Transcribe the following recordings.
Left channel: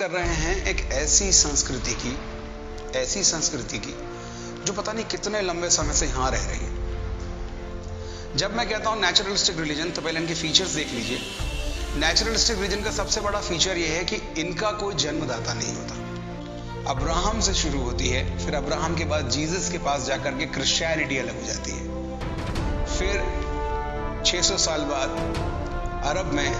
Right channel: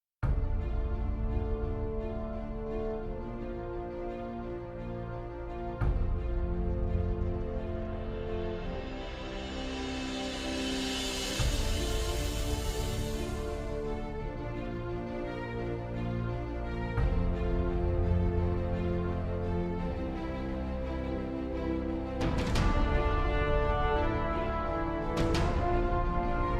कर रहे हैं एक ऐसी संस्कृति की जो पता नहीं कितने लंबे समय से यहाँ रह रही है। जब मैं कहता हूँ नेचुरलिस्टिक रिलीजन, तो पहले इनके फीचर्स देख लीजिए। नेचुरलिस्टिक रिलीजन का सबसे बड़ा फीचर ये है कि इनका कोई जन्मदाता नहीं होता। अब्राहम से शुरू होती है, फिर अब्राहम के बाद जीसस के पास जाकर के क्रिश्चियनिटी अलग हो जाती है। फिर 600 साल बाद अरब में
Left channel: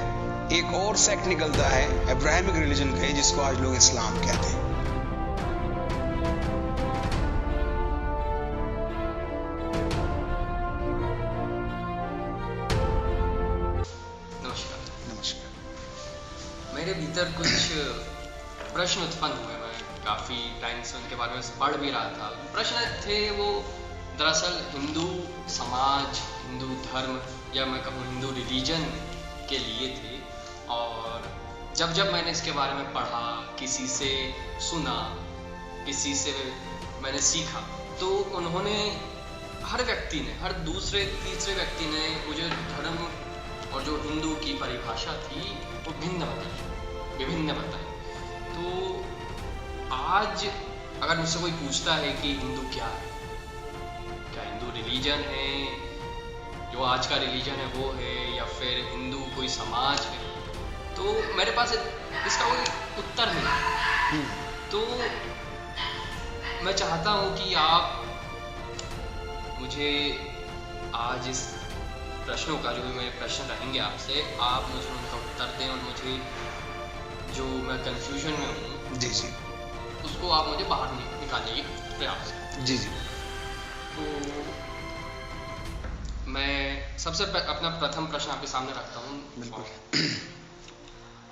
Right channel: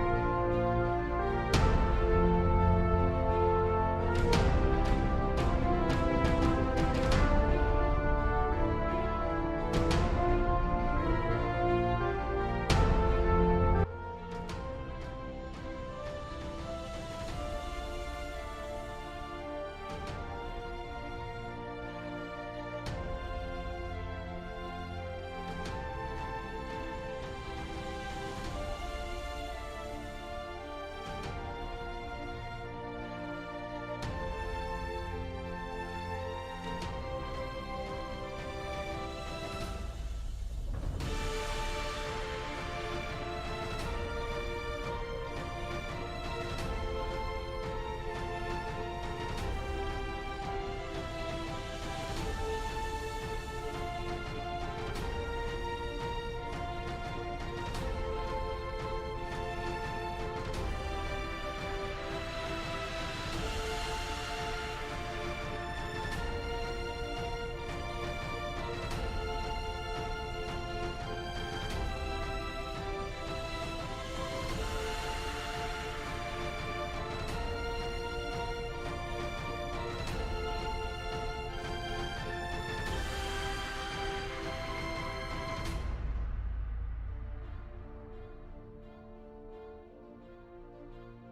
एक और सेक्ट निकलता है अब्राहमिक रिलीजन का, जिसको आज लोग इस्लाम कहते हैं। मेरे भीतर कुछ प्रश्न उत्पन्न हुए। मैं काफ़ी टाइम से उनके बारे में पढ़ भी रहा था। प्रश्न थे वो दरअसल हिंदू समाज, हिंदू धर्म या मैं कहूँ हिंदू रिलीजन के लिए थे। और जब मैंने इसके बारे में पढ़ा, किसी से सुना, किसी से मैंने सीखा, तो उन्होंने हर व्यक्ति ने, हर दूसरे तीसरे व्यक्ति ने मुझे धर्म और जो हिंदू की परिभाषा थी वो विभिन्न बताई। तो आज अगर मुझसे कोई पूछता है कि हिंदू क्या है, क्या हिंदू रिलीजन है, जो आज का रिलीजन है वो है, या फिर हिंदू कोई समाज है, तो मेरे पास इसका कोई उत्तर नहीं। तो मैं चाहता हूँ कि आप मुझे आज इस प्रश्नों का, जो मेरे प्रश्न रहेंगे आपसे, आप मुझे उनका उत्तर दें और मुझे जो मैं कंफ्यूजन में हूँ जी उसको आप मुझे बाहर निकालिए प्रयास से। जी। तो मैं सबसे अपना प्रथम प्रश्न आपके सामने रखता हूँ।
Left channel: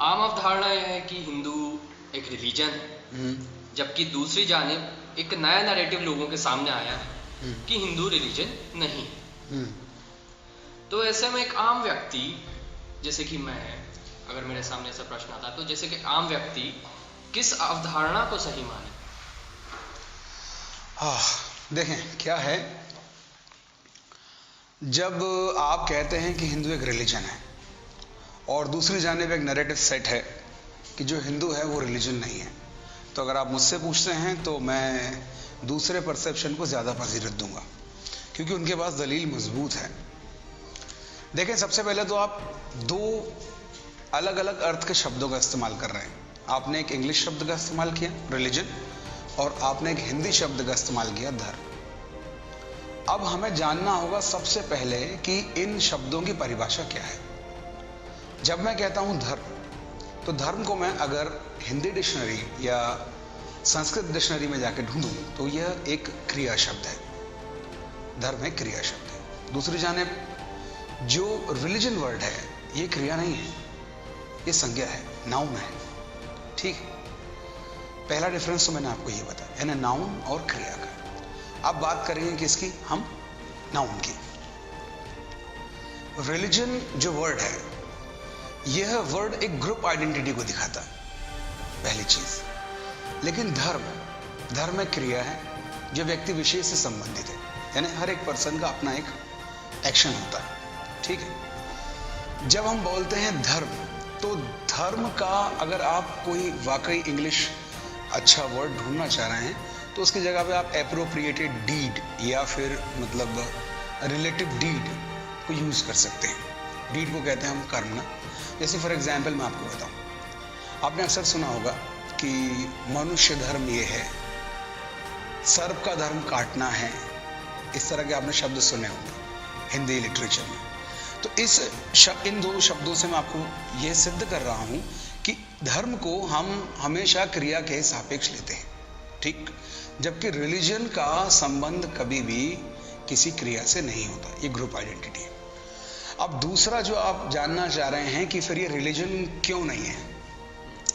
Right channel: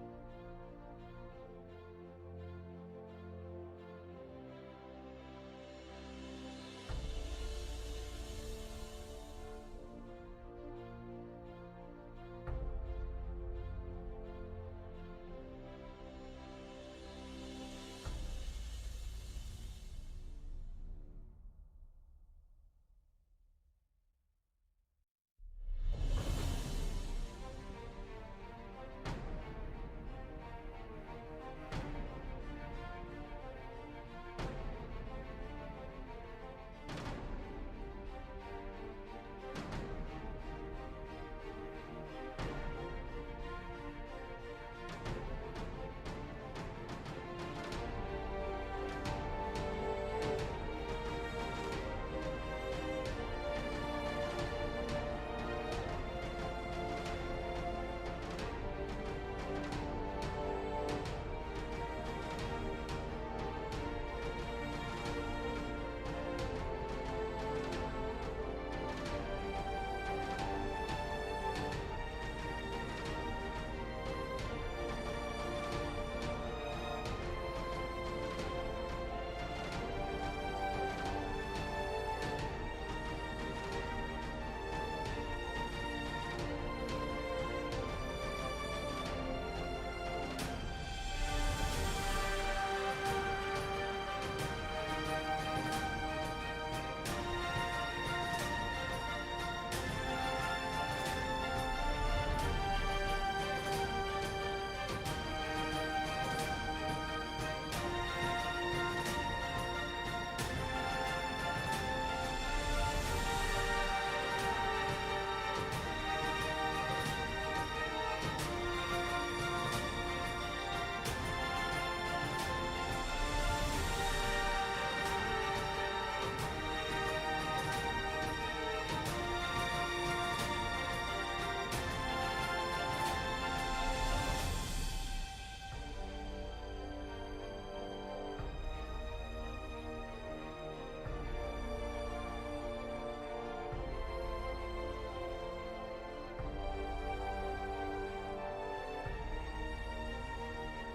आम अवधारणा यह है कि हिंदू एक रिलीजन है, जबकि दूसरी जानिब एक नया नैरेटिव लोगों के सामने आया है कि हिंदू रिलीजन नहीं है। तो ऐसे में एक आम व्यक्ति जैसे कि मैं, अगर मेरे सामने ऐसा प्रश्न आता है, तो जैसे कि आम व्यक्ति किस अवधारणा को सही माने? देखें क्या है, जब आप कहते हैं कि हिंदू एक रिलीजन है और दूसरी जानिब एक नैरेटिव सेट है कि जो हिंदू है वो रिलीजन नहीं है, तो अगर आप मुझसे पूछते हैं तो मैं दूसरे परसेप्शन को ज़्यादा फजीलत दूंगा, क्योंकि उनके पास दलील मजबूत है। देखें, सबसे पहले तो आप दो अलग अलग अर्थ के शब्दों का इस्तेमाल कर रहे हैं। आपने एक इंग्लिश शब्द का इस्तेमाल किया रिलीजन, और आपने एक हिंदी शब्द का इस्तेमाल किया धर्म। अब हमें जानना होगा सबसे पहले कि इन शब्दों की परिभाषा क्या है। जब मैं कहता हूं धर्म, तो धर्म को मैं अगर हिंदी डिक्शनरी या संस्कृत डिक्शनरी में जाकर ढूंढूं तो यह एक क्रिया शब्द है। धर्म एक क्रिया शब्द है। दूसरी जानिब जो रिलीजन वर्ड है ये क्रिया नहीं है, ये संज्ञा है, नाउन है। ठीक है, पहला डिफरेंस तो मैंने आपको ये बताया, यानी नाउन और क्रिया का। अब बात करेंगे किसकी, हम नाउन की। रिलीजन जो वर्ड है, यह वर्ड एक ग्रुप आइडेंटिटी को दिखाता है, पहली चीज। लेकिन धर्म एक क्रिया है जो व्यक्ति विशेष से संबंधित है, यानी हर एक पर्सन का अपना एक एक्शन होता है। ठीक है, जब हम बोलते हैं धर्म, तो धर्म का अगर आप कोई वाकई इंग्लिश अच्छा वर्ड ढूंढना चाह रहे हैं तो उसकी जगह पे आप एप्रोप्रिएटेड डीड या फिर मतलब रिलेटिव डीड को यूज कर सकते हैं। डीड को कहते हैं हम कर्म। जैसे फॉर एग्जाम्पल मैं आपको बताऊं, आपने अक्सर सुना होगा कि मनुष्य धर्म ये है, सर्प का धर्म काटना है, इस तरह के आपने शब्द सुने होंगे हिंदी लिटरेचर में। तो इन दोनों शब्दों से मैं आपको यह सिद्ध कर रहा हूं कि धर्म को हम हमेशा क्रिया के सापेक्ष लेते हैं, ठीक, जबकि रिलीजन का संबंध कभी भी किसी क्रिया से नहीं होता, ये ग्रुप आइडेंटिटी है। अब दूसरा जो आप जानना चाह रहे हैं कि फिर ये रिलीजन क्यों नहीं है,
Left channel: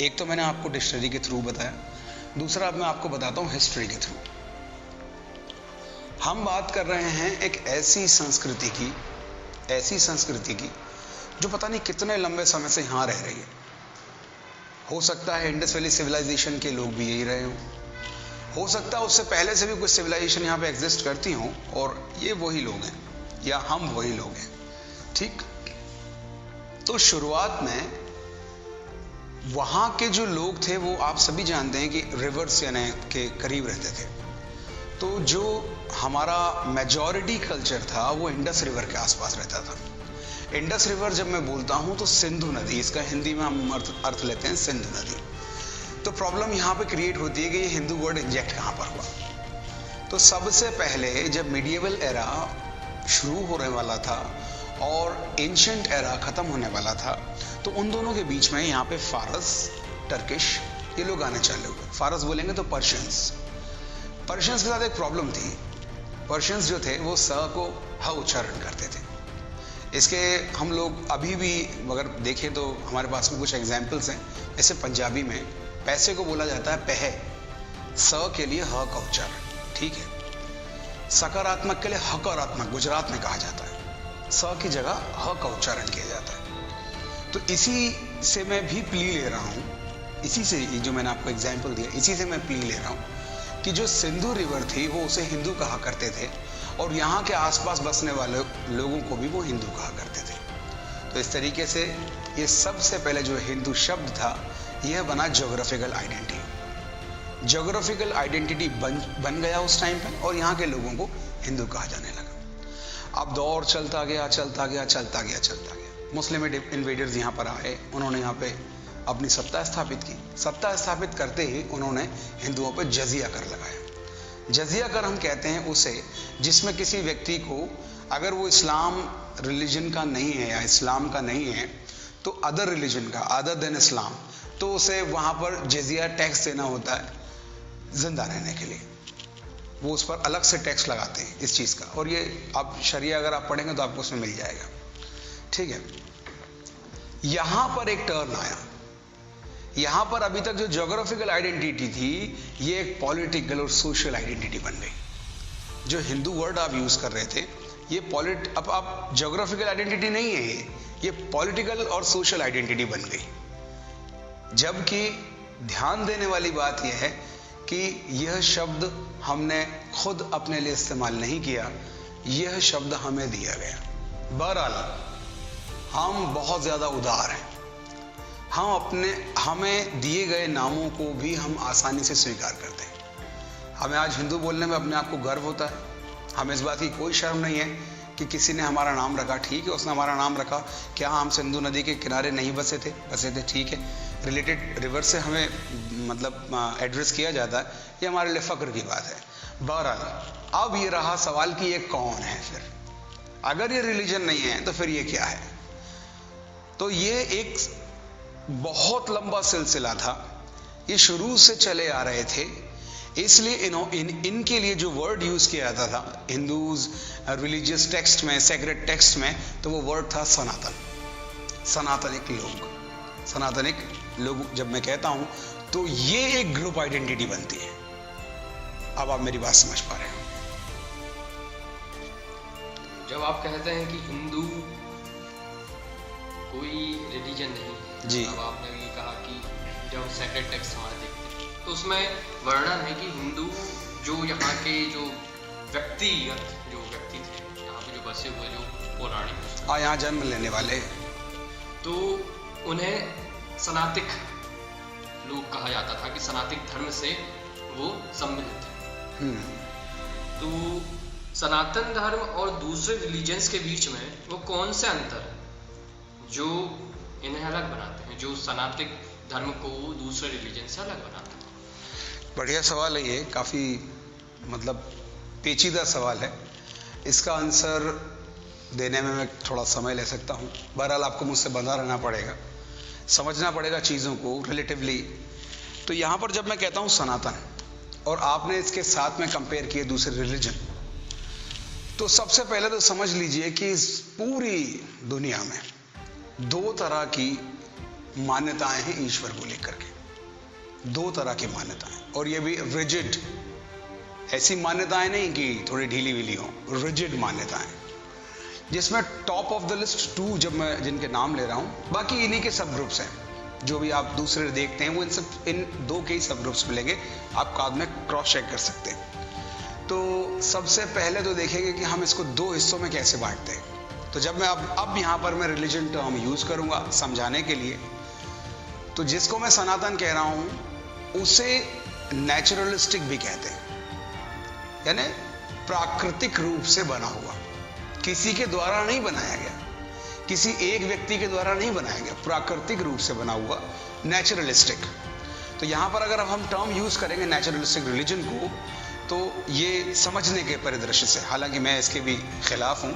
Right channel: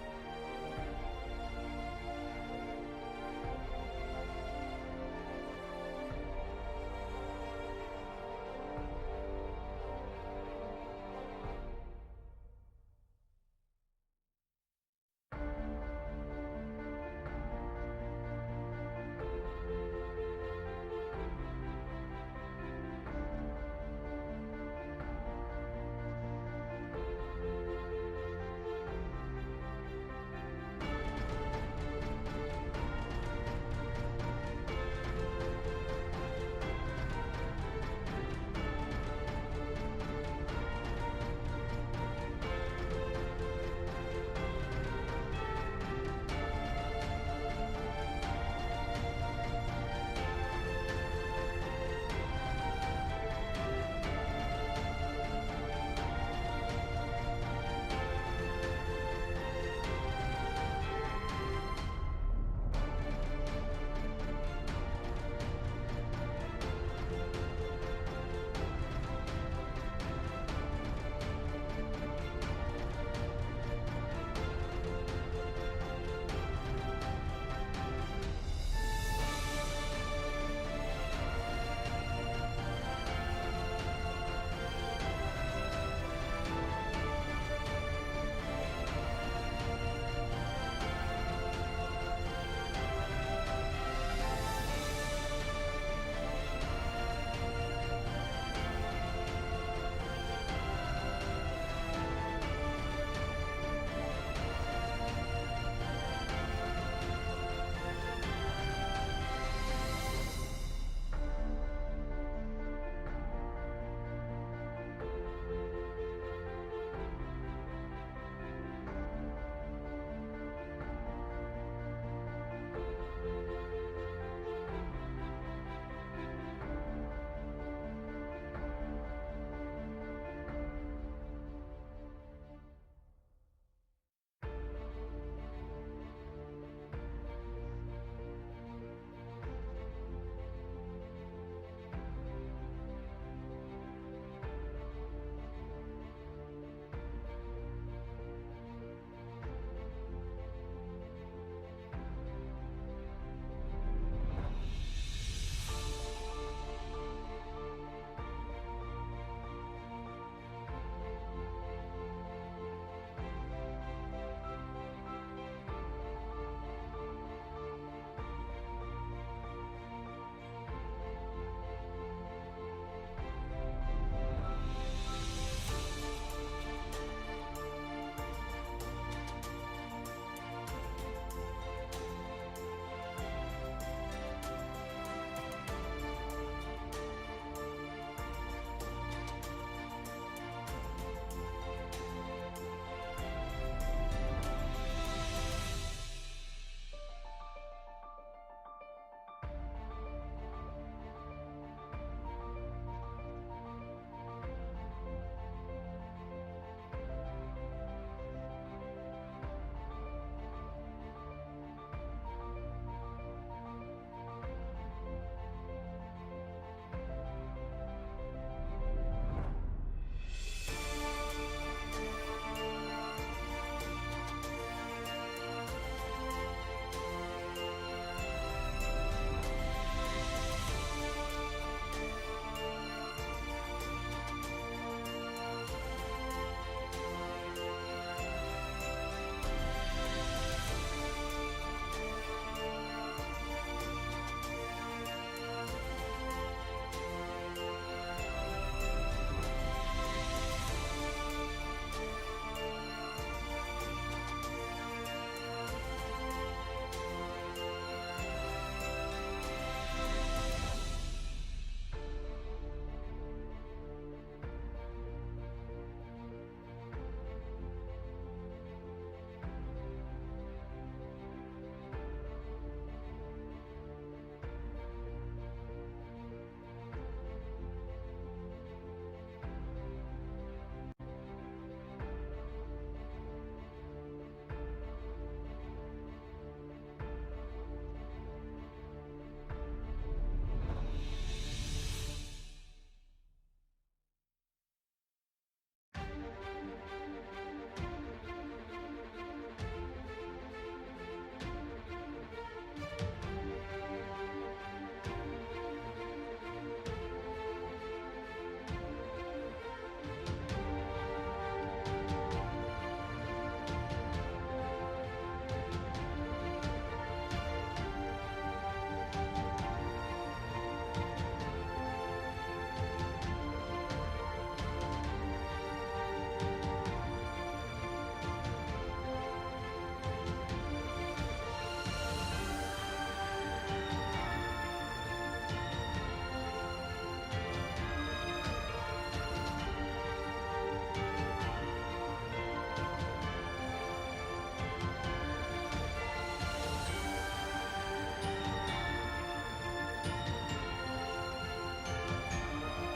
एक तो मैंने आपको डिक्शनरी के थ्रू बताया, दूसरा अब मैं आपको बताता हूं हिस्ट्री के थ्रू। हम बात कर रहे हैं एक ऐसी संस्कृति की जो पता नहीं कितने लंबे समय से यहाँ रह रही है। हो सकता है इंडस वैली सिविलाइजेशन के लोग भी यही रहे हो सकता है उससे पहले से भी कुछ सिविलाइजेशन यहाँ पे एग्जिस्ट करती हों और ये वही लोग हैं या हम वही लोग हैं। ठीक, तो शुरुआत में वहाँ के जो लोग थे वो आप सभी जानते हैं कि रिवर्स यानी के करीब रहते थे। तो जो हमारा मेजॉरिटी कल्चर था वो इंडस रिवर के आसपास रहता था। इंडस रिवर जब मैं बोलता हूँ तो सिंधु नदी, इसका हिंदी में हम अर्थ लेते हैं सिंधु नदी। तो प्रॉब्लम यहाँ पे क्रिएट होती है कि ये हिंदू वर्ड इंजेक्ट कहाँ पर हुआ। तो सबसे पहले जब मिडिएवल एरा शुरू होने वाला था और एंशिएंट एरा खत्म होने वाला था, तो उन दोनों के बीच में यहाँ पे फारस, टर्किश ये लोग आने चालू हुए। फारस बोलेंगे तो पर्शियंस। पर्शियंस के साथ एक प्रॉब्लम थी। पर्शियंस जो थे वो स को ह उच्चारण करते थे। इसके हम लोग अभी भी अगर देखें तो हमारे पास में कुछ एग्जाम्पल्स हैं। जैसे पंजाबी में पैसे को बोला जाता है पह, स के लिए ह का उच्चारण, ठीक है। सकारात्मक के लिए हकारात्मक गुजरात में कहा जाता है, स की जगह ह का उच्चारण किया जाता है। तो इसी से मैं भी प्ली ले रहा हूँ, इसी से जो मैंने आपको एग्जाम्पल दिया, इसी से मैं प्ली ले रहा हूँ कि जो सिंधु रिवर थी वो उसे हिंदू कहा करते थे और यहाँ के आसपास बसने वाले लोगों को भी वो हिंदू कहा करते थे। तो इस तरीके से ये सबसे पहले जो हिंदू शब्द था यह बना ज्योग्राफिकल आइडेंटिटी। ज्योग्राफिकल आइडेंटिटी बन गया उस टाइम पर और यहाँ के लोगों को हिंदू कहा जाने लगा। अब दौर चलता गया चलता गया चलता गया चलता गया। मुस्लिम इन्वेडर्स यहाँ पर आए, उन्होंने यहाँ पे अपनी सत्ता स्थापित की। सत्ता स्थापित करते ही उन्होंने हिंदुओं पर जजिया कर लगाया। जजिया कर हम कहते हैं उसे जिसमें किसी व्यक्ति को अगर वो इस्लाम रिलीजन का नहीं है या इस्लाम का नहीं है तो अदर रिलीजन का, अदर देन इस्लाम, तो उसे वहाँ पर जजिया टैक्स देना होता है जिंदा रहने के लिए। वो उस पर अलग से टैक्स लगाते हैं इस चीज़ का, और ये आप शरिया अगर आप पढ़ेंगे तो आपको उसमें मिल जाएगा, ठीक है। यहाँ पर एक टर्न आया। यहाँ पर अभी तक जो ज्योग्राफिकल आइडेंटिटी थी ये एक पॉलिटिकल और सोशल आइडेंटिटी बन गई। जो हिंदू वर्ड आप यूज कर रहे थे ये अब आप ज्योग्राफिकल आइडेंटिटी नहीं है, ये पॉलिटिकल और सोशल आइडेंटिटी बन गई। जबकि ध्यान देने वाली बात यह है कि यह शब्द हमने खुद अपने लिए इस्तेमाल नहीं किया, यह शब्द हमें दिया गया। बहरहाल हम बहुत ज्यादा उदार हैं, हमें दिए गए नामों को भी हम आसानी से स्वीकार करते हैं। हमें आज हिंदू बोलने में अपने आप को गर्व होता है। हमें इस बात की कोई शर्म नहीं है कि किसी ने हमारा नाम रखा, ठीक है, उसने हमारा नाम रखा। क्या हम सिंधु नदी के किनारे नहीं बसे थे? ठीक है। रिलेटेड रिवर से हमें मतलब एड्रेस किया जाता है, ये हमारे लिए फक्र की बात है। बहरहाल अब ये रहा सवाल कि ये कौन है फिर? अगर ये रिलीजन नहीं है तो फिर ये क्या है? तो ये एक बहुत लंबा सिलसिला था, ये शुरू से चले आ रहे थे। इसलिए इनके लिए जो वर्ड यूज किया जाता था हिंदूज रिलीजियस टेक्स्ट में, सेक्रेट टेक्स्ट में, तो वो वर्ड था सनातन। सनातनिक लोग, सनातनिक लोग जब मैं कहता हूं तो ये एक ग्रुप आइडेंटिटी बनती है। अब आप मेरी बात समझ पा रहे हैं? जब आप कहते हैं कि हिंदू कोई रिलीजन नहीं जी, अब आपने ये कहा कि जब सेक्रेट टेक्स्ट हमारे तो उसमें वर्णन है कि हिंदू जो यहाँ के जो व्यक्ति थे, यहाँ पे जो बसे हुए जो पौराणिक यहाँ जन्म लेने वाले, तो उन्हें सनातिक लोग कहा जाता था कि सनातन धर्म से वो सम्मिलित थे। तो सनातन धर्म और दूसरे रिलीजन्स के बीच में वो कौन से अंतर जो इन्हें अलग बनाते हैं, जो सनातन धर्म को दूसरे रिलीजन से अलग बनाते हैं? बढ़िया सवाल है ये, काफी मतलब पेचीदा सवाल है। इसका आंसर देने में मैं थोड़ा समय ले सकता हूँ। बहरहाल आपको मुझसे बंधा रहना पड़ेगा, समझना पड़ेगा चीज़ों को रिलेटिवली। तो यहाँ पर जब मैं कहता हूँ सनातन और आपने इसके साथ में कंपेयर किए दूसरे रिलीजन, तो सबसे पहले तो समझ लीजिए कि इस पूरी दुनिया में दो तरह की मान्यताएं हैं ईश्वर को लेकर के। दो तरह की मान्यताएं, और ये भी रिजिड, ऐसी मान्यताएं नहीं कि थोड़ी ढीली विली हो, रिजिड मान्यताएं, जिसमें टॉप ऑफ द लिस्ट 2 जब मैं जिनके नाम ले रहा हूं, बाकी इन्हीं के सब ग्रुप्स हैं। जो भी आप दूसरे देखते हैं वो इन दो के ही सब ग्रुप्स मिलेंगे, आप बाद में क्रॉस चेक कर सकते हैं। तो सबसे पहले तो देखेंगे कि हम इसको 2 हिस्सों में कैसे बांटते हैं। तो जब मैं अब यहाँ पर मैं रिलीजन टर्म यूज करूंगा समझाने के लिए, तो जिसको मैं सनातन कह रहा हूं उसे नेचुरलिस्टिक भी कहते हैं, यानी प्राकृतिक रूप से बना हुआ, किसी के द्वारा नहीं बनाया गया, किसी एक व्यक्ति के द्वारा नहीं बनाया गया, प्राकृतिक रूप से बना हुआ नेचुरलिस्टिक। तो यहां पर अगर हम टर्म यूज करेंगे नेचुरलिस्टिक रिलीजन को, तो ये समझने के परिदृश्य से, हालांकि मैं इसके भी खिलाफ हूं,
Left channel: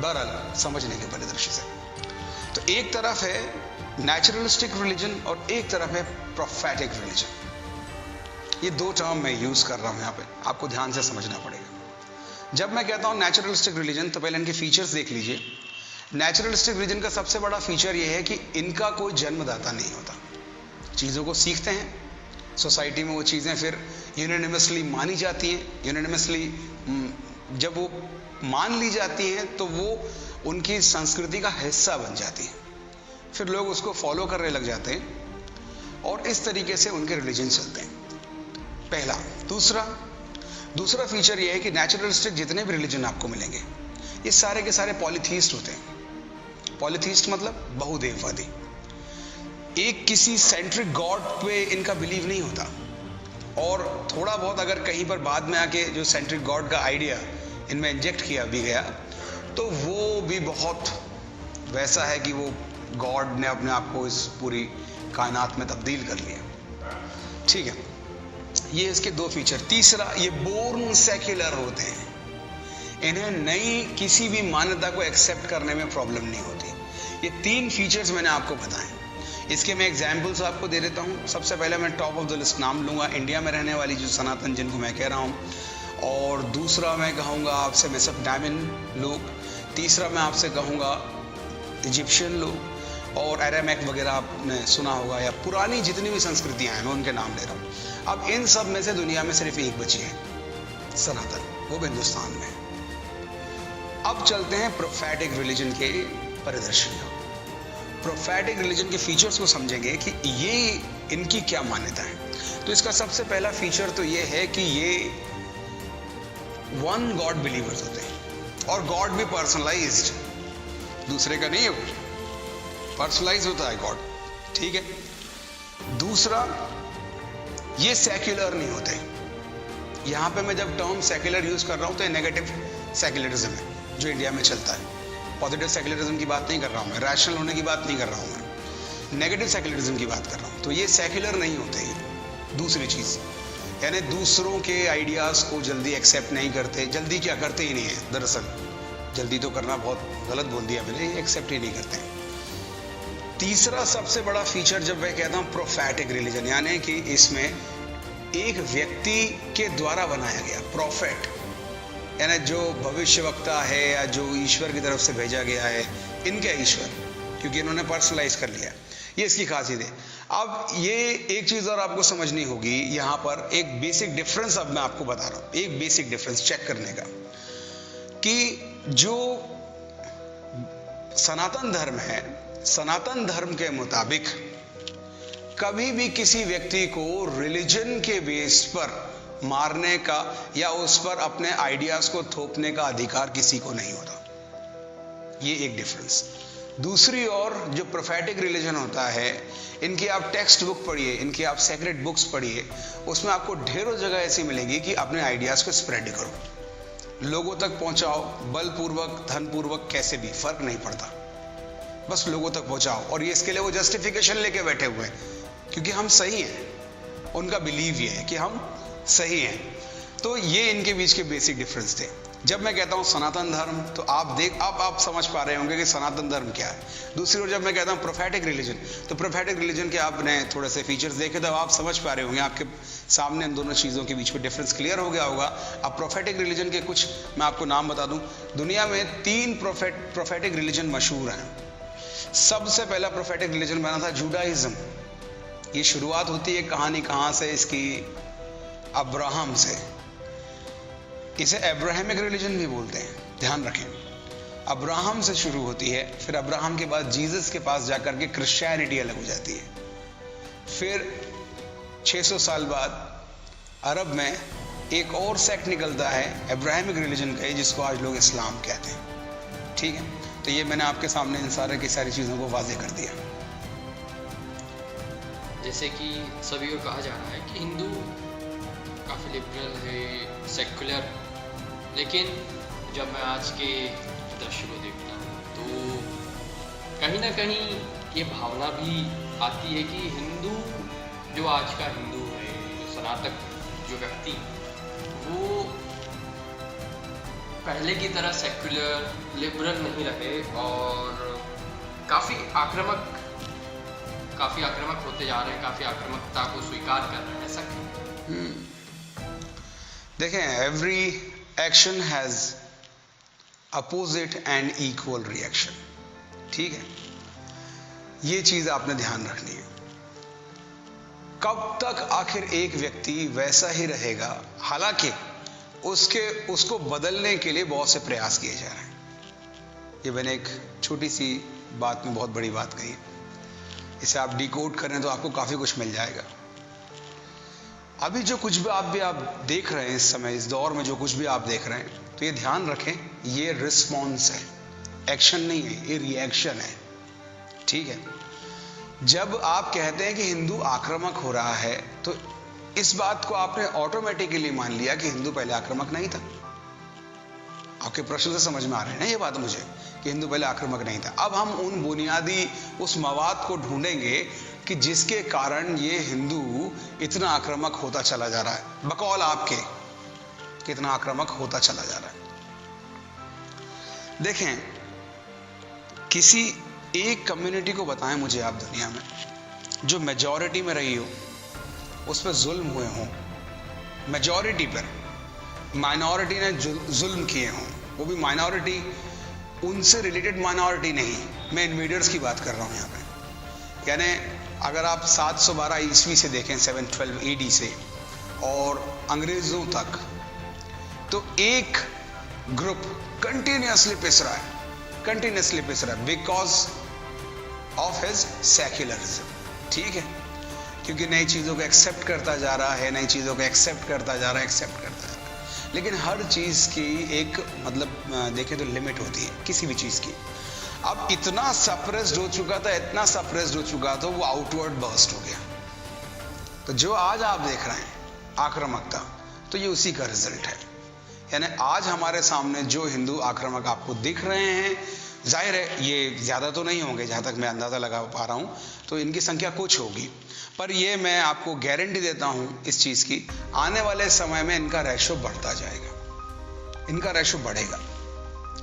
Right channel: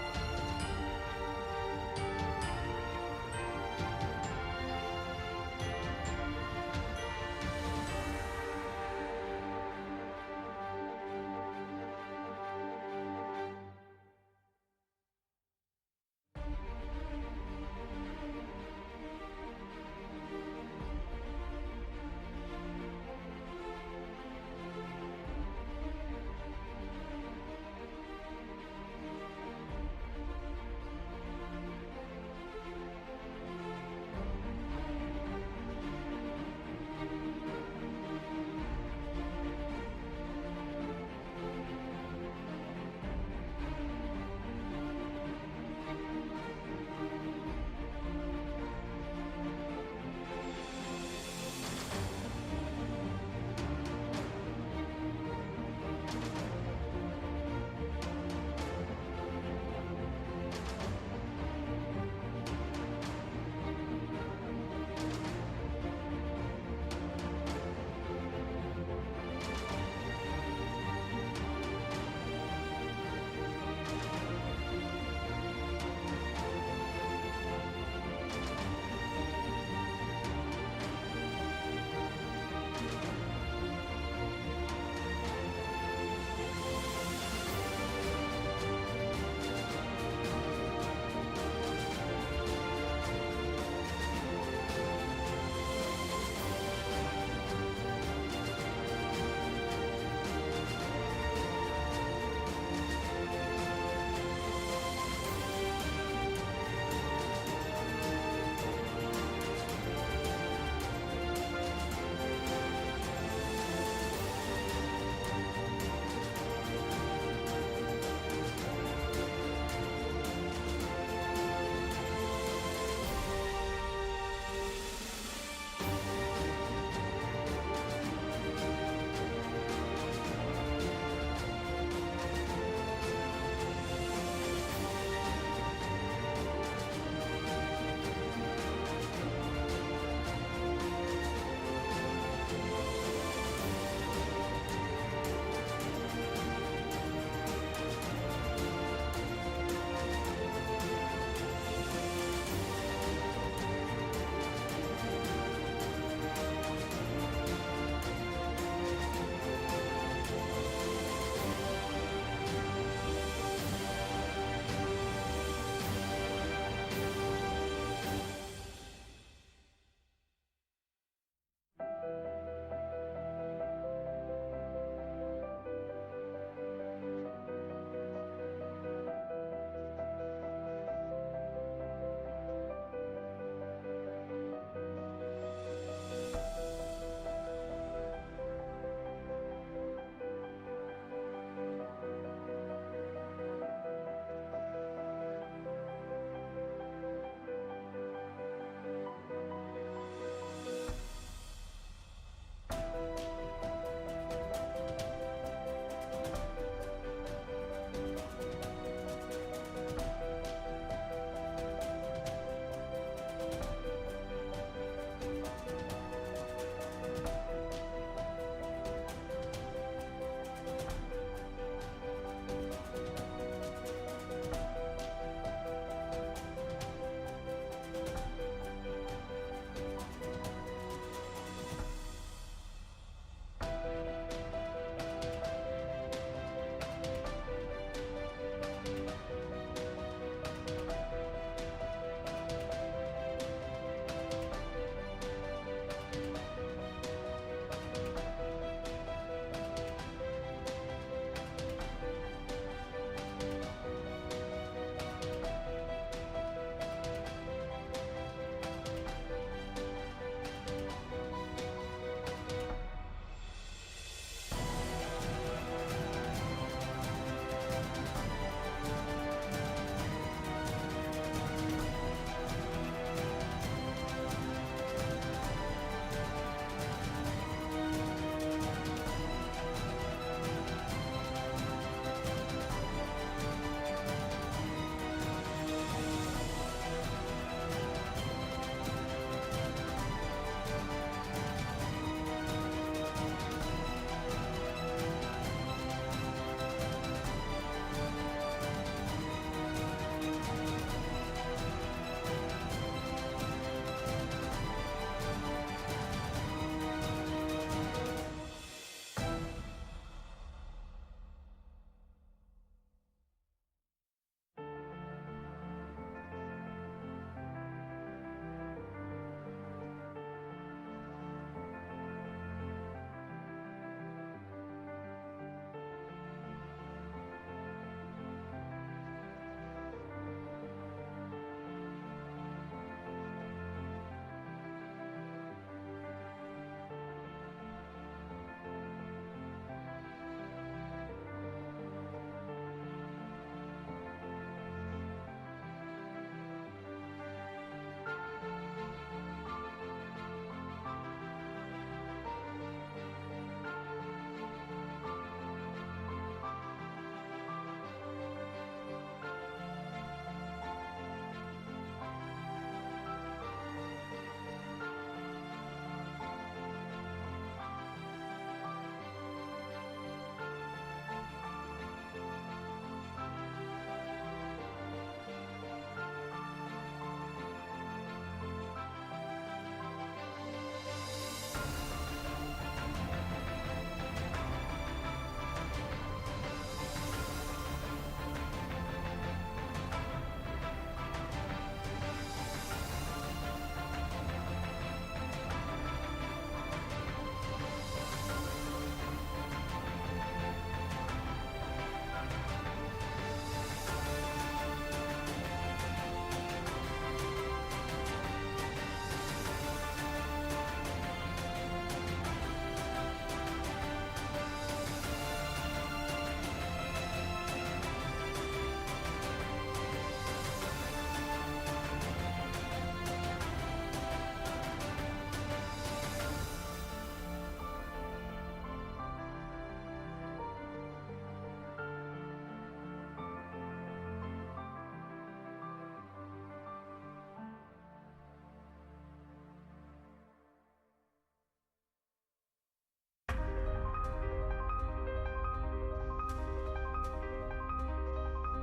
बहरहाल समझने के परिदृश्य से, तो एक तरफ है नेचुरलिस्टिक रिलीजन और एक तरफ है प्रोफेटिक रिलीजन। ये दो टर्म मैं यूज कर रहा हूं यहाँ पे, आपको ध्यान से समझना पड़ेगा। जब मैं कहता हूं नेचुरलिस्टिक रिलीजन, तो पहले इनके फीचर्स देख लीजिए। नेचुरलिस्टिक रिलीजन का सबसे बड़ा फीचर ये है कि इनका कोई जन्मदाता नहीं होता, चीज़ों को सीखते हैं, सोसाइटी में वो चीज़ें फिर यूनानिमसली मानी जाती हैं, यूनानिमसली जब वो मान ली जाती हैं तो वो उनकी संस्कृति का हिस्सा बन जाती है, फिर लोग उसको फॉलो करने लग जाते हैं और इस तरीके से उनके रिलीजन चलते हैं, पहला। दूसरा फीचर ये है कि नेचुरलिस्टिक जितने भी रिलीजन आपको मिलेंगे ये सारे के सारे पॉलीथीस्ट होते हैं। पॉलीथीस्ट मतलब बहुदेववादी, एक किसी सेंट्रिक गॉड पे इनका बिलीव नहीं होता, और थोड़ा बहुत अगर कहीं पर बाद में आके जो सेंट्रिक गॉड का आइडिया इनमें इंजेक्ट किया भी गया तो वो भी बहुत वैसा है कि वो गॉड ने अपने आप को इस पूरी कायनात में तब्दील कर लिया। ठीक है, ये इसके दो फीचर। तीसरा, ये बोर्न सेक्युलर होते हैं, इन्हें नई किसी भी मान्यता को एक्सेप्ट करने में प्रॉब्लम नहीं होती। ये तीन फीचर्स मैंने आपको बताए। इसके मैं एग्जाम्पल्स आपको दे देता हूँ। सबसे पहले मैं टॉप ऑफ द लिस्ट नाम लूँगा, इंडिया में रहने वाली जो सनातन जिनको मैं कह रहा हूँ, और दूसरा मैं कहूँगा आपसे मेसोपोटामियन लोग, तीसरा मैं आपसे कहूँगा इजिप्शियन लोग, और अरामिक वगैरह आपने सुना होगा, या पुरानी जितनी भी संस्कृतियाँ हैं मैं उनके नाम ले रहा हूँ। अब इन सब में से दुनिया में सिर्फ एक बची है, सनातन, वो हिंदुस्तान में। अब चलते हैं प्रोफेटिक रिलीजन के परिदृश्य में। प्रोफेटिक रिलीजन के फीचर्स को समझेंगे कि ये इनकी क्या मान्यता है। तो इसका सबसे पहला फीचर तो ये है कि ये वन गॉड बिलीवर्स होते हैं, और गॉड भी पर्सनलाइज्ड, दूसरे का नहीं है, वो पर्सनलाइज होता है गॉड। ठीक है। दूसरा, ये सेक्युलर नहीं होते। यहाँ पे मैं जब टर्म सेक्युलर यूज कर रहा हूँ तो ये नेगेटिव सेक्युलरिज्म है जो इंडिया में चलता है। पॉजिटिव सेक्युलरिज्म की बात नहीं कर रहा हूँ मैं, रैशनल होने की बात नहीं कर रहा हूँ मैं, नेगेटिव सेक्युलरिज्म की बात कर रहा हूँ। तो ये सेक्युलर नहीं होते हैं। दूसरी चीज़, यानी दूसरों के आइडियाज़ को जल्दी एक्सेप्ट नहीं करते, जल्दी क्या करते ही नहीं है, दरअसल जल्दी तो करना बहुत गलत बोल दिया मैंने, एक्सेप्ट ही नहीं करते। तीसरा सबसे बड़ा फीचर जब मैं कहता हूँ प्रोफेटिक रिलीजन, यानी कि इसमें एक व्यक्ति के द्वारा बनाया गया, प्रोफेट यानी जो भविष्यवक्ता है या जो ईश्वर की तरफ से भेजा गया है, इनके ईश्वर, क्योंकि इन्होंने पर्सनलाइज कर लिया, ये इसकी खासियत है। अब ये एक चीज़ और आपको समझनी होगी, यहाँ पर एक बेसिक डिफरेंस अब मैं आपको बता रहा हूँ, एक बेसिक डिफरेंस चेक करने का, कि जो सनातन धर्म है, सनातन धर्म के मुताबिक कभी भी किसी व्यक्ति को रिलीजन के बेस पर मारने का या उस पर अपने आइडियाज को थोपने का अधिकार किसी को नहीं होता। ये एक डिफरेंस। दूसरी ओर जो प्रोफेटिक रिलीजन होता है, इनकी आप टेक्स्ट बुक पढ़िए, इनकी आप सेक्रेट बुक्स पढ़िए, उसमें आपको ढेरों जगह ऐसी मिलेगी कि अपने आइडियाज को स्प्रेड करो, लोगों तक पहुंचाओ, बलपूर्वक, धनपूर्वक, कैसे भी फर्क नहीं पड़ता, बस लोगों तक पहुंचाओ। और ये इसके लिए वो जस्टिफिकेशन लेके बैठे हुए हैं क्योंकि हम सही हैं, उनका बिलीव ये है कि हम सही है। तो ये इनके बीच के बेसिक डिफरेंस थे। जब मैं कहता हूँ सनातन धर्म, तो आप समझ पा रहे होंगे कि सनातन धर्म क्या है। दूसरी ओर जब मैं कहता हूँ प्रोफेटिक रिलीजन, तो प्रोफेटिक रिलीजन के आपने थोड़े से फीचर्स देखे तो आप समझ पा रहे होंगे, आपके सामने इन दोनों चीज़ों के बीच में डिफरेंस क्लियर हो गया होगा। अब प्रोफेटिक रिलीजन के कुछ मैं आपको नाम बता दूँ। दुनिया में 3 प्रोफेटिक रिलीजन मशहूर हैं। सबसे पहला प्रोफेटिक रिलीजन बना था जुडाइज्म। ये शुरुआत होती है कहानी कहाँ से इसकी, अब्राहम से। इसे अब्राहमिक रिलीजन भी बोलते हैं, ध्यान रखें। अब्राहम से शुरू होती है, फिर अब्राहम के बाद जीसस के पास जाकर के क्रिश्चियनिटी अलग हो जाती है। फिर 600 साल बाद अरब में एक और सेक्ट निकलता है अब्राहमिक रिलीजन का, जिसको आज लोग इस्लाम कहते हैं। ठीक है, तो ये मैंने आपके सामने इन सारी की सारी चीज़ों को वाज़ेह कर दिया। जैसे कि सभी को कहा जा रहा है कि हिंदू काफ़ी लिबरल है, सेकुलर, लेकिन जब मैं आज के दृश्य में देखता हूँ तो कहीं ना कहीं ये भावना भी आती है कि हिंदू जो आज का हिंदू है, जो सनातन जो व्यक्ति, वो पहले की तरह सेकुलर लिबरल नहीं रहे और काफ़ी आक्रामक होते जा रहे हैं, काफ़ी आक्रामकता को स्वीकार कर रहे हैं। ऐसा देखें, every action has opposite and equal reaction, ठीक है? ये चीज आपने ध्यान रखनी है। कब तक आखिर एक व्यक्ति वैसा ही रहेगा, हालांकि उसको बदलने के लिए बहुत से प्रयास किए जा रहे हैं। ये मैंने एक छोटी सी बात में बहुत बड़ी बात कही है, इसे आप डिकोड करें तो आपको काफी कुछ मिल जाएगा। अभी जो कुछ भी आप देख रहे हैं इस समय, इस दौर में जो कुछ भी आप देख रहे हैं, तो ये ध्यान रखें, ये रिस्पॉन्स है, एक्शन नहीं है, ये रिएक्शन है, ठीक है? जब आप कहते हैं कि हिंदू आक्रामक हो रहा है, तो इस बात को आपने ऑटोमेटिकली मान लिया कि हिंदू पहले आक्रामक नहीं था। आपके प्रश्न से समझ में आ रहे हैं ना ये बात मुझे, कि हिंदू पहले आक्रामक नहीं था। अब हम उन बुनियादी उस मवाद को ढूंढेंगे कि जिसके कारण ये हिंदू इतना आक्रामक होता चला जा रहा है, बकौल आपके कितना आक्रामक होता चला जा रहा है। देखें, किसी एक कम्युनिटी को बताएं मुझे आप दुनिया में जो मेजॉरिटी में रही हो, उस पर जुल्म हुए हों, मेजॉरिटी पर माइनॉरिटी ने जुल्म किए हों, वो भी माइनॉरिटी, उनसे रिलेटेड माइनॉरिटी नहीं, मैं इन्वेडर्स की बात कर रहा हूँ यहाँ पे। यानी अगर आप 712 ईस्वी से देखें, 712 AD से और अंग्रेजों तक, तो एक ग्रुप कंटिन्यूसली पिस रहा है बिकॉज ऑफ हिज सेक्युलरिज्म, ठीक है? क्योंकि नई चीजों को एक्सेप्ट करता जा रहा है, एक्सेप्ट करता जा रहा है। लेकिन हर चीज की एक मतलब देखें तो लिमिट होती है किसी भी चीज की। अब इतना सप्रेस्ड हो चुका था, वो आउटवर्ड बर्स्ट हो गया। तो जो आज आप देख रहे हैं आक्रामकता, तो ये उसी का रिजल्ट है। यानी आज हमारे सामने जो हिंदू आक्रामक आपको दिख रहे हैं, जाहिर है ये ज्यादा तो नहीं होंगे, जहां तक मैं अंदाजा लगा पा रहा हूं, तो इनकी संख्या कुछ होगी, पर ये मैं आपको गारंटी देता हूं इस चीज की, आने वाले समय में इनका रेशो बढ़ता जाएगा, इनका रेशो बढ़ेगा।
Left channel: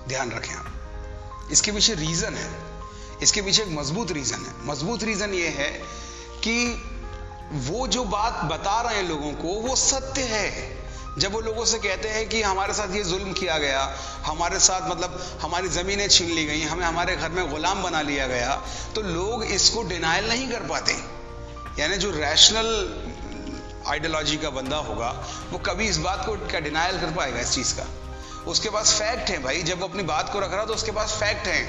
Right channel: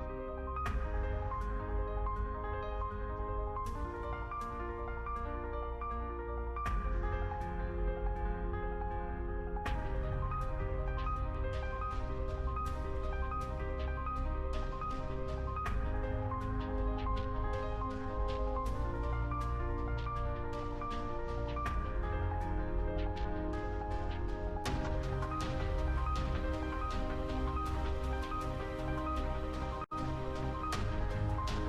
ध्यान रखें आप, इसके पीछे रीजन है, इसके पीछे एक मजबूत रीजन है। मजबूत रीजन ये है कि वो जो बात बता रहे हैं लोगों को, वो सत्य है। जब वो लोगों से कहते हैं कि हमारे साथ ये जुल्म किया गया, हमारे साथ मतलब हमारी जमीनें छीन ली गई, हमें हमारे घर में गुलाम बना लिया गया, तो लोग इसको डिनायल नहीं कर पाते। यानी जो रैशनल आइडियोलॉजी का बंदा होगा, वो कभी इस बात को क्या डिनायल कर पाएगा इस चीज का? उसके पास फैक्ट है भाई, जब वो अपनी बात को रख रहा तो उसके पास फैक्ट है।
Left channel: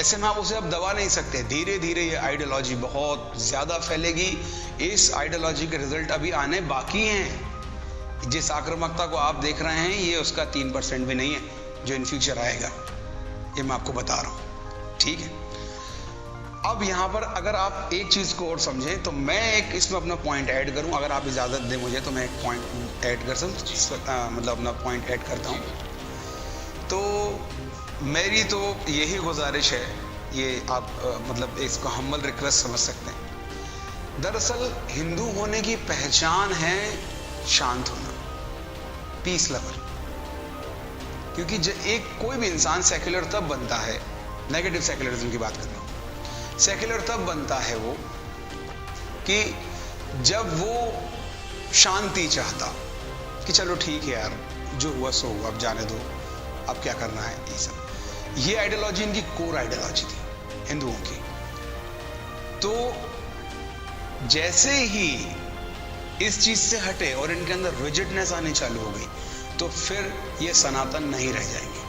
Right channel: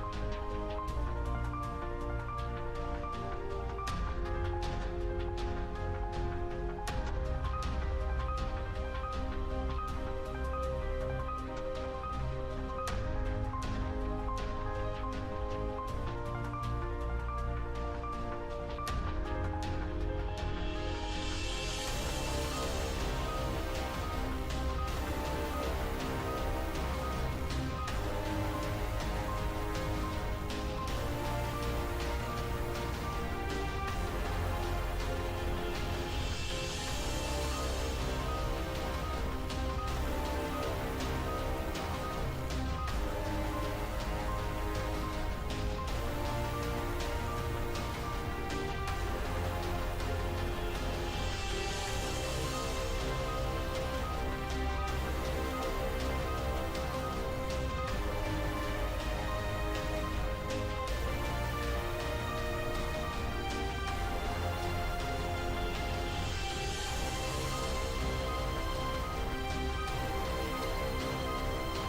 ऐसे में आप उसे अब दबा नहीं सकते। धीरे धीरे ये आइडियोलॉजी बहुत ज्यादा फैलेगी। इस आइडियोलॉजी के रिजल्ट अभी आने बाकी हैं। जिस आक्रामकता को आप देख रहे हैं, ये उसका 3% भी नहीं है जो इन फ्यूचर आएगा, ये मैं आपको बता रहा हूं, ठीक है? अब यहाँ पर अगर आप एक चीज को और समझें, तो मैं एक इसमें अपना पॉइंट ऐड करूं, अगर आप इजाजत दें मुझे, तो मैं एक पॉइंट ऐड कर सकता, मतलब अपना पॉइंट ऐड करता हूं। तो मेरी तो यही गुजारिश है, ये आप मतलब इसको हम्बल रिक्वेस्ट समझ सकते हैं। दरअसल हिंदू होने की पहचान है शांत होना, पीस लवर। क्योंकि एक कोई भी इंसान सेक्युलर तब बनता है, नेगेटिव सेक्युलरिज्म की बात करता हूं, सेक्युलर तब बनता है वो कि जब वो शांति चाहता, कि चलो ठीक है यार, जो हुआ सो हुआ, अब जाने दो, अब क्या करना है, ये सब। ये आइडियोलॉजी इनकी कोर आइडियोलॉजी थी हिंदुओं की। तो जैसे ही इस चीज से हटे और इनके अंदर रिजिडनेस आनी चालू हो गई, तो फिर ये सनातन नहीं रह जाएंगे।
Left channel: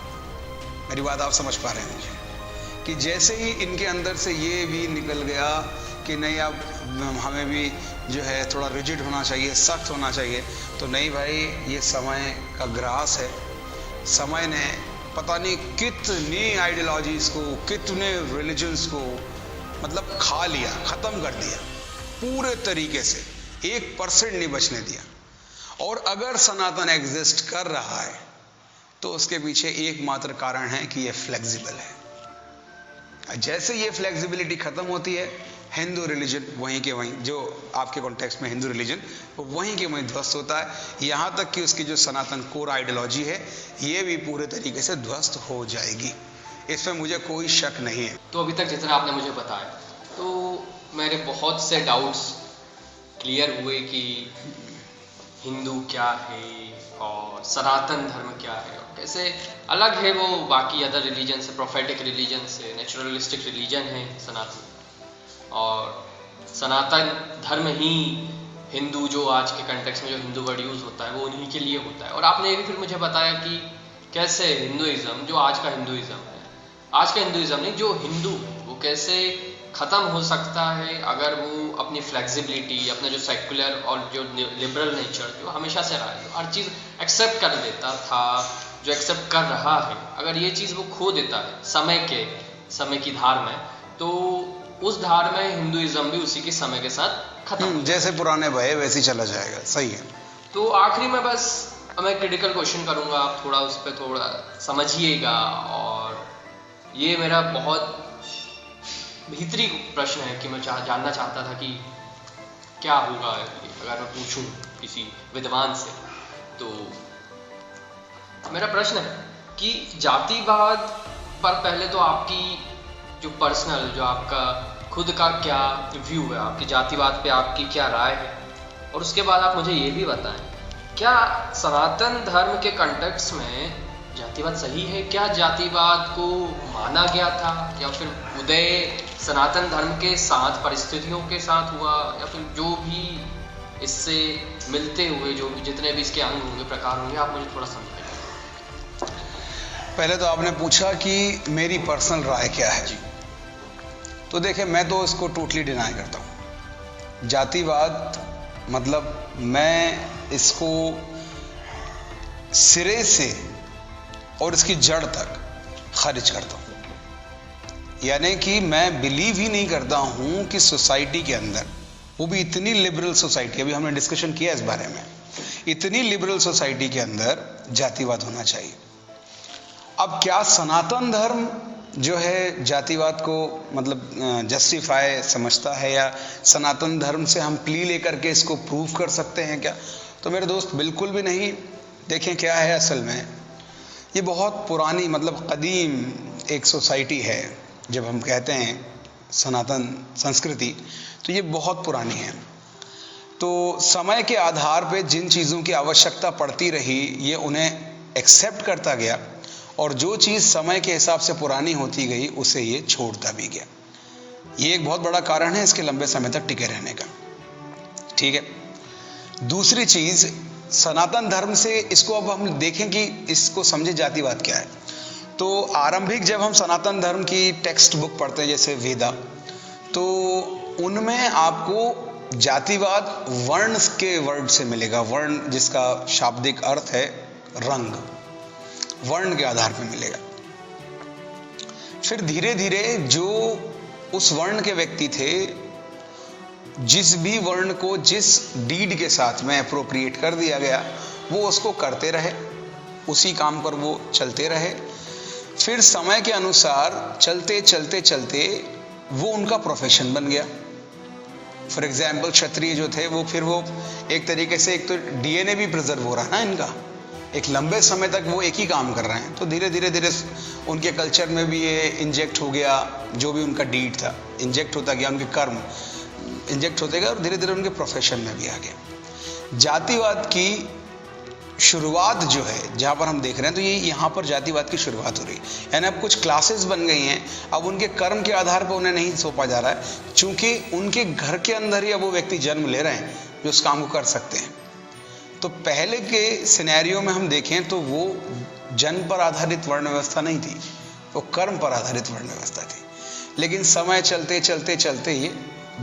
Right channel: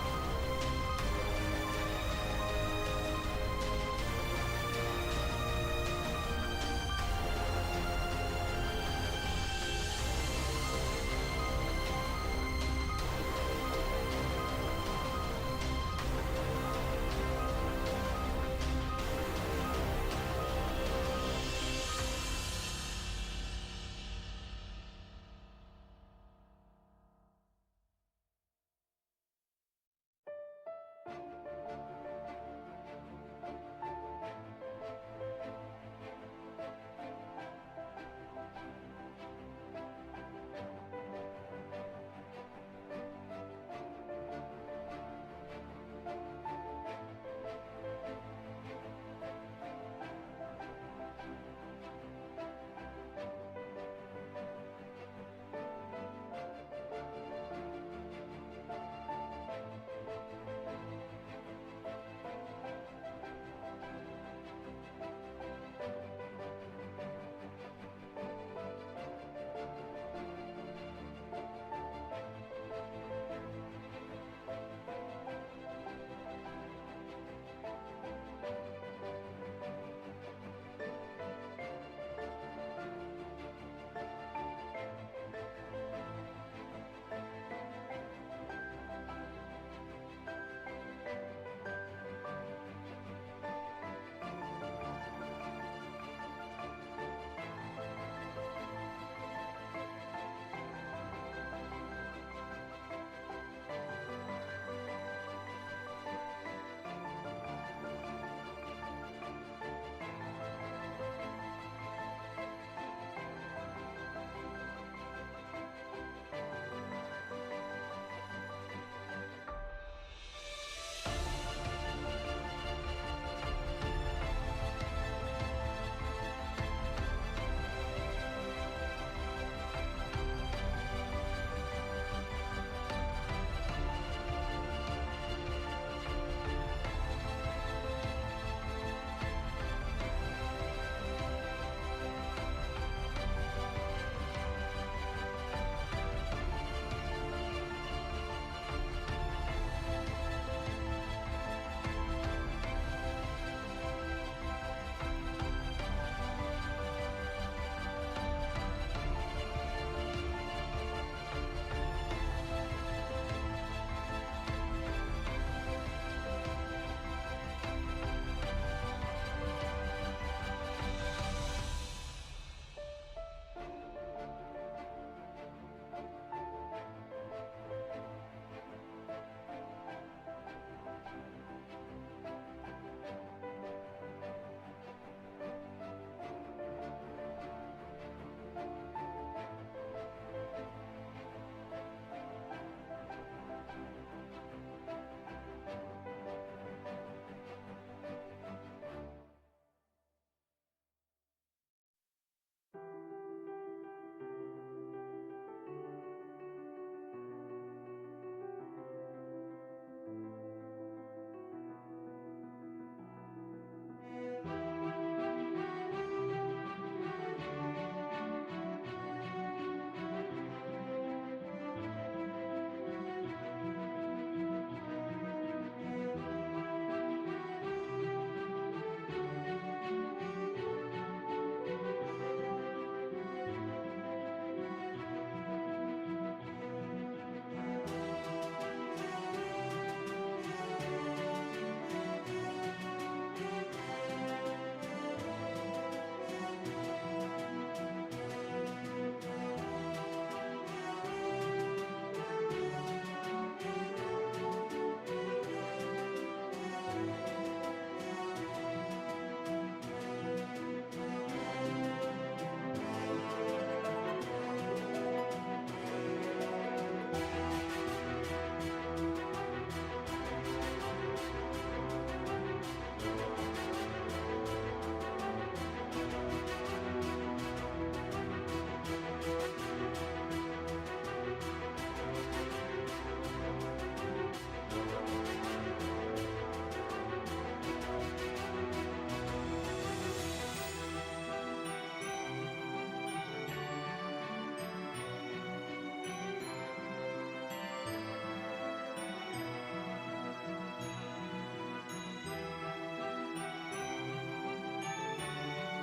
मेरी बात आप समझ पा रहे हैं कि जैसे ही इनके अंदर से ये भी निकल गया कि नहीं, अब हमें भी जो है थोड़ा रिजिड होना चाहिए, सख्त होना चाहिए, तो नहीं भाई, ये समय का ग्रास है। समय ने पता नहीं कितनी आइडियोलॉजीज को, कितने रिलीजन्स को मतलब खा लिया, खत्म कर दिया। पूरे तरीके से 1% नहीं बचने दिया। और अगर सनातन एग्जिस्ट कर रहा है तो उसके पीछे एकमात्र कारण है कि यह फ्लेक्सिबल है। जैसे ये फ्लेक्सिबिलिटी खत्म होती है, हिंदू रिलीजन वहीं के वहीं, जो आपके कॉन्टेक्स्ट में हिंदू रिलीजन, वहीं के वहीं ध्वस्त होता है। यहां तक कि उसकी जो सनातन कोर आइडियोलॉजी है ये भी पूरे तरीके से ध्वस्त हो जाएगी, इसमें मुझे कोई शक नहीं है। तो अभी तक जितना आपने मुझे बताया, तो मेरे बहुत से डाउट्स क्लियर हुए कि हिंदू क्या है और सनातन धर्म क्या है, और कैसे अलग है वो बाकी अदर रिलीजन से, प्रोफेटिक रिलीजन से, नेचुरलिस्टिक रिलीजन है सनातन, और सनातन धर्म ही हिंदू, जो आज के कंटेक्स्ट में जो हिंदू वर्ड यूज होता है वो उन्हीं के लिए होता है। और आपने ये भी फिर मुझे बताया कि कैसे हिंदुइज्म, जो आज का हिंदुइज्म है, आज का हिंदुइज्म नहीं, जो हिंदू है वो कैसे ख़त्म हो सकता है अगर वो अपनी फ्लेक्सिबिलिटी, अपना जो सेक्युलर और जो लिबरल नेचर जो हमेशा से रहा है, हर चीज़ एक्सेप्ट कर देता था, जो एक्सेप्ट कर रहा है, अगर ये चीज़ वो खो देता है समय की धार में, तो उस धार में हिंदुइज्म भी उसी के समय के साथ खत्म, जैसे पुराने भय वैसे ही चला जाएगा। सही है। तो आखिरी में बस मैं क्रिटिकल क्वेश्चन करूंगा, आप थोड़ा उस पर थोड़ा समझिएगा, और ये मेरा बहुत भीतरी प्रश्न है कि मैं जानना चाहता था कि क्या होगा अगर मैं पूछूं किसी विद्वान से। तो मेरा प्रश्न है कि जातिवाद पर पहले तो आपकी जो पर्सनल, जो आपका खुद का क्या व्यू है, आपकी जातिवाद पे आपकी क्या राय है, और उसके बाद आप मुझे ये भी बताएं, क्या सनातन धर्म के कंटेक्स्ट में जातिवाद सही है? क्या जातिवाद को माना गया था, या फिर उदय सनातन धर्म के साथ, परिस्थितियों के साथ हुआ, या फिर जो भी इससे मिलते हुए जो जितने भी इसके अंग होंगे, प्रकार होंगे, आप मुझे थोड़ा समझाइए। पहले तो आपने पूछा कि मेरी पर्सनल राय क्या है जी। तो देखिए, मैं तो इसको टोटली डिनाई करता हूँ। जातिवाद मतलब मैं इसको सिरे से और इसकी जड़ तक खारिज करता हूँ। यानी कि मैं बिलीव ही नहीं करता हूँ कि सोसाइटी के अंदर, वो भी इतनी लिबरल सोसाइटी, अभी हमने डिस्कशन किया इस बारे में, इतनी लिबरल सोसाइटी के अंदर जातिवाद होना चाहिए। अब क्या सनातन धर्म जो है जातिवाद को मतलब जस्टिफाई समझता है, या सनातन धर्म से हम प्ली लेकर के इसको प्रूव कर सकते हैं क्या? तो मेरे दोस्त बिल्कुल भी नहीं। देखें क्या है असल में, ये बहुत पुरानी मतलब कदीम एक सोसाइटी है। जब हम कहते हैं सनातन संस्कृति, तो ये बहुत पुरानी है। तो समय के आधार पे जिन चीज़ों की आवश्यकता पड़ती रही, ये उन्हें एक्सेप्ट करता गया, और जो चीज़ समय के हिसाब से पुरानी होती गई उसे ये छोड़ता भी गया। ये एक बहुत बड़ा कारण है इसके लंबे समय तक टिके रहने का। ठीक है। दूसरी चीज़, सनातन धर्म से इसको अब हम देखें कि इसको समझे जातिवाद क्या है। तो आरंभिक जब हम सनातन धर्म की टेक्स्ट बुक पढ़ते हैं जैसे वेदा, तो उनमें आपको जातिवाद वर्ण के वर्ड से मिलेगा। वर्ण जिसका शाब्दिक अर्थ है रंग, वर्ण के आधार पर मिलेगा। फिर धीरे धीरे जो उस वर्ण के व्यक्ति थे, जिस भी वर्ण को जिस डीड के साथ में अप्रोप्रिएट कर दिया गया, वो उसको करते रहे, उसी काम पर वो चलते रहे। फिर समय के अनुसार चलते चलते चलते वो उनका प्रोफेशन बन गया। फॉर एग्जाम्पल क्षत्रिय जो थे वो फिर वो एक तरीके से, एक तो डीएनए भी प्रिजर्व हो रहा है ना इनका, एक लंबे समय तक वो एक ही काम कर रहे हैं। तो धीरे धीरे धीरे उनके कल्चर में भी ये इंजेक्ट हो गया, जो भी उनका डीड था इंजेक्ट होता गया, उनके कर्म इंजेक्ट होते गए, और धीरे धीरे उनके प्रोफेशन में भी आ गया। जातिवाद की शुरुआत जो है, जहाँ पर हम देख रहे हैं, तो ये यहाँ पर जातिवाद की शुरुआत हो रही है। यानी अब कुछ क्लासेस बन गई हैं, अब उनके कर्म के आधार पर उन्हें नहीं सौंपा जा रहा है, चूंकि उनके घर के अंदर ही अब वो व्यक्ति जन्म ले रहे हैं जो उस काम को कर सकते हैं। तो पहले के सिनेरियो में हम देखें तो वो जन्म पर आधारित वर्ण व्यवस्था नहीं थी, वो कर्म पर आधारित वर्ण व्यवस्था थी। लेकिन समय चलते चलते चलते ये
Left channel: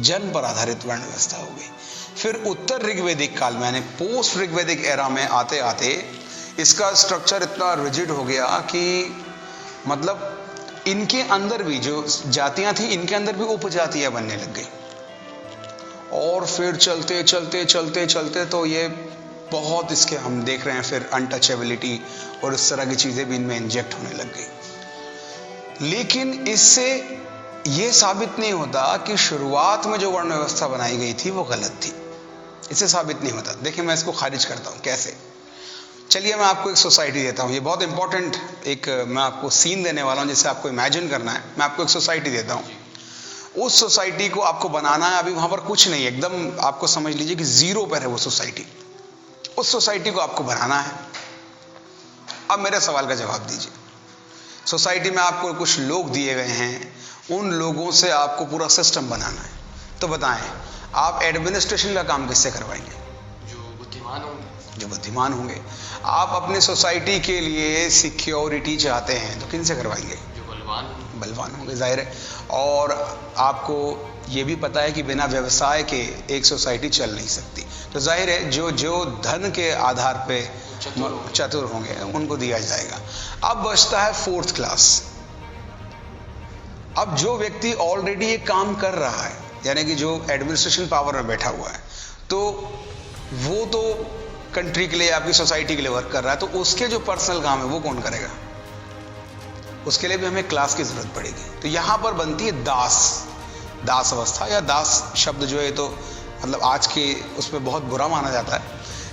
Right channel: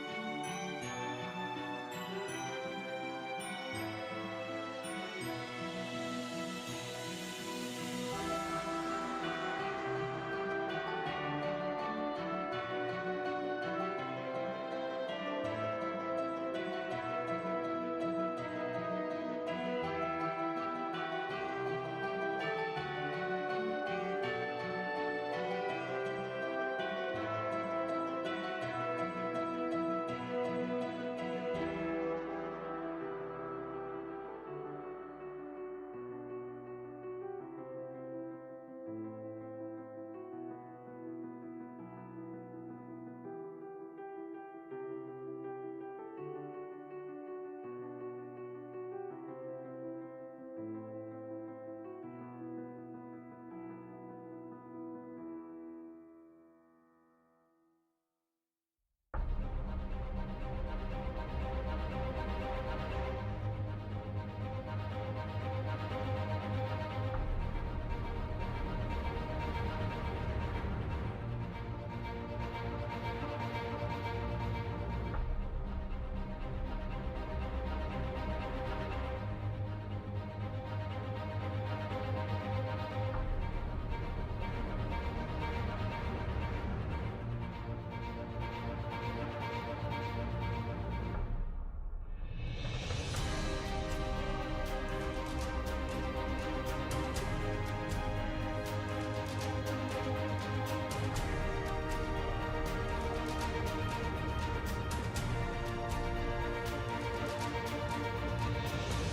जन्म पर आधारित वर्ण व्यवस्था हो गई। फिर उत्तर ऋग्वेदिक काल में, यानी पोस्ट ऋग्वेदिक एरा में आते आते इसका स्ट्रक्चर इतना रिजिड हो गया कि मतलब इनके अंदर भी जो जातियां थी, इनके अंदर भी उपजातियां बनने लग गई। और फिर चलते चलते चलते चलते तो ये बहुत इसके हम देख रहे हैं फिर अनटचेबिलिटी और इस तरह की चीज़ें भी इनमें इंजेक्ट होने लग गई। लेकिन इससे ये साबित नहीं होता कि शुरुआत में जो वर्ण व्यवस्था बनाई गई थी वो गलत थी। इससे साबित नहीं होता। देखिए मैं इसको खारिज करता हूँ कैसे। चलिए मैं आपको एक सोसाइटी देता हूँ। ये बहुत इंपॉर्टेंट एक मैं आपको सीन देने वाला हूँ जिससे आपको इमेजिन करना है। मैं आपको एक सोसाइटी देता हूँ। उस सोसाइटी को आपको बनाना है। अभी वहाँ पर कुछ नहीं, एकदम आपको समझ लीजिए कि जीरो पर है वो सोसाइटी। उस सोसाइटी को आपको बनाना है। अब मेरे सवाल का जवाब दीजिए। सोसाइटी में आपको कुछ लोग दिए गए हैं, उन लोगों से आपको पूरा सिस्टम बनाना है। तो बताएं आप एडमिनिस्ट्रेशन का काम किससे करवाएंगे? जो बुद्धिमान होंगे। आप अपनी सोसाइटी के लिए सिक्योरिटी चाहते हैं तो किन से करवाएंगे? बलवान होंगे, जाहिर है। और आपको ये भी पता है कि बिना व्यवसाय के एक सोसाइटी चल नहीं सकती। तो जाहिर है जो धन के आधार पे चतुर होंगे उनको दिया जाएगा। अब बचता है फोर्थ क्लास। अब जो व्यक्ति ऑलरेडी ये काम कर रहा है, यानी कि जो एडमिनिस्ट्रेशन पावर में बैठा हुआ है, तो वो तो कंट्री के लिए, आपकी सोसाइटी के लिए वर्क कर रहा है, तो उसके जो पर्सनल काम है वो कौन करेगा? उसके लिए भी हमें क्लास की जरूरत पड़ेगी। तो यहाँ पर बनती है दास अवस्था, या दास शब्द जो है तो मतलब आज के उसमें बहुत बुरा माना जाता है,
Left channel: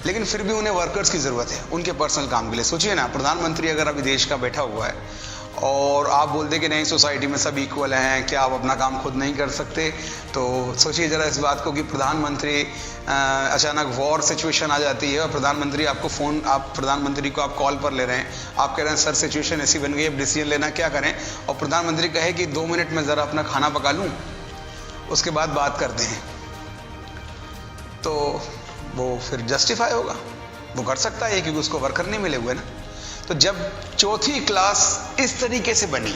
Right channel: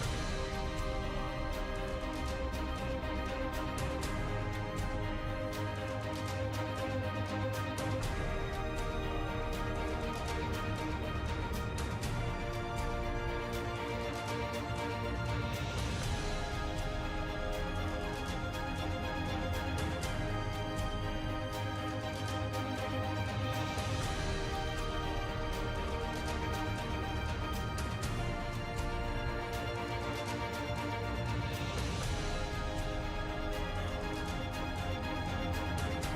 लेकिन फिर भी उन्हें वर्कर्स की जरूरत है उनके पर्सनल काम के लिए। सोचिए ना, प्रधानमंत्री अगर अभी देश का बैठा हुआ है और आप बोलते कि नहीं सोसाइटी में सब इक्वल हैं, क्या आप अपना काम खुद नहीं कर सकते? तो सोचिए ज़रा इस बात को कि प्रधानमंत्री अचानक वॉर सिचुएशन आ जाती है और प्रधानमंत्री आपको फ़ोन, आप प्रधानमंत्री को आप कॉल पर ले रहे हैं, आप कह रहे हैं सर सिचुएशन ऐसी बन गई, अब डिसीजन लेना क्या करें, और प्रधानमंत्री कहे कि 2 मिनट में ज़रा अपना खाना पका लूँ, उसके बाद बात करते हैं, तो वो फिर जस्टिफाई होगा? वो कर सकता है क्योंकि उसको वर्कर नहीं मिले हुए ना। तो जब चौथी क्लास इस तरीके से बनी,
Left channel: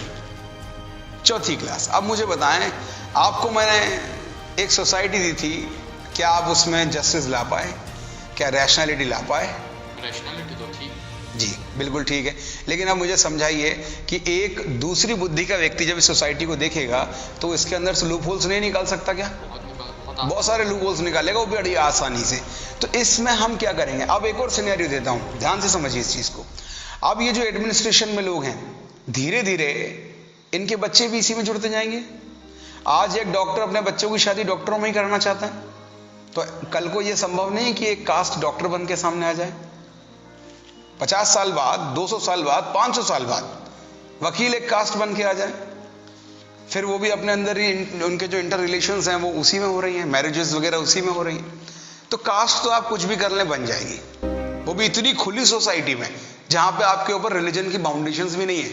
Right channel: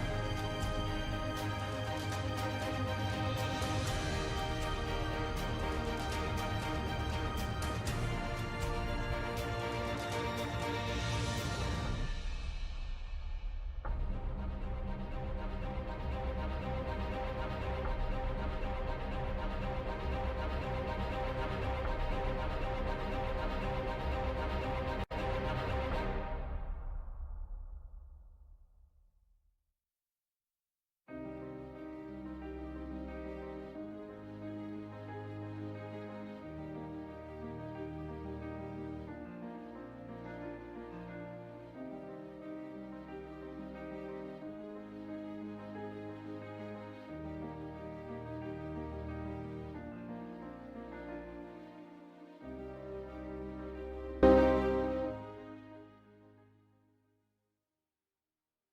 चौथी क्लास, अब मुझे बताएं, आपको मैंने एक सोसाइटी दी थी, क्या आप उसमें जस्टिस ला पाए? क्या रैशनैलिटी ला पाए? रैशनैलिटी तो ठीक। जी बिल्कुल ठीक है। लेकिन अब मुझे समझाइए कि एक दूसरी बुद्धि का व्यक्ति जब इस सोसाइटी को देखेगा तो इसके अंदर से लूप होल्स नहीं निकाल सकता क्या? बहुत सारे लूप होल्स निकालेगा वो बड़ी आसानी से। तो इसमें हम क्या करेंगे? अब एक और सिनेरियो देता हूँ, ध्यान से समझिए इस चीज को। अब ये जो एडमिनिस्ट्रेशन में लोग हैं, धीरे धीरे इनके बच्चे भी इसी में जुड़ते जाएंगे। आज एक डॉक्टर अपने बच्चों की शादी डॉक्टरों में ही कराना चाहता है, तो कल को ये संभव नहीं है कि एक कास्ट डॉक्टर बन के सामने आ जाए। 50 साल बाद, 200 साल बाद, 500 साल बाद वकील एक कास्ट बन के आ जाए, फिर वो भी अपने अंदर ही उनके जो इंटर रिलेशंस हैं वो उसी में हो रही हैं, मैरिजेस वगैरह उसी में हो रही हैं। तो कास्ट तो आप कुछ भी कर ले बन जाएगी, वो भी इतनी खुली सोसाइटी में जहां पे आपके ऊपर रिलीजन की बाउंडेशंस भी नहीं है।